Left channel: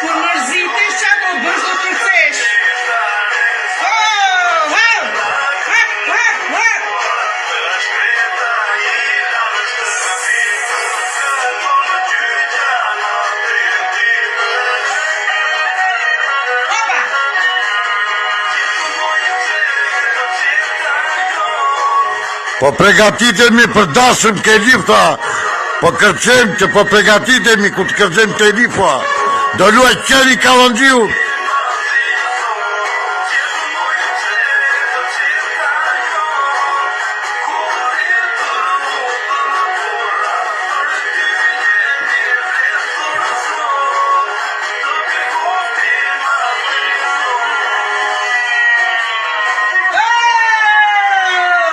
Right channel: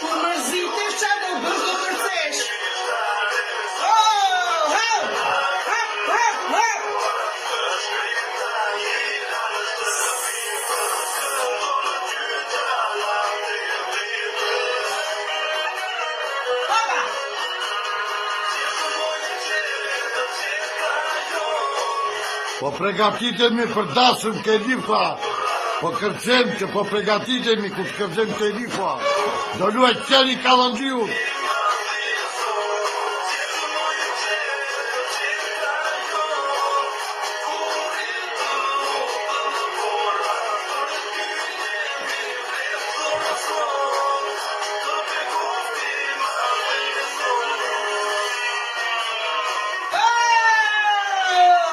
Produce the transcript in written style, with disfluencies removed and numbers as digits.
Kur mërzitesh qa do bësh do kërcesh. Po pregatitemi për dashëm ke lifta, po kërcem që po pregatitemi ku të kërcem ke lifta, do luaj qeni Kallonxhiu.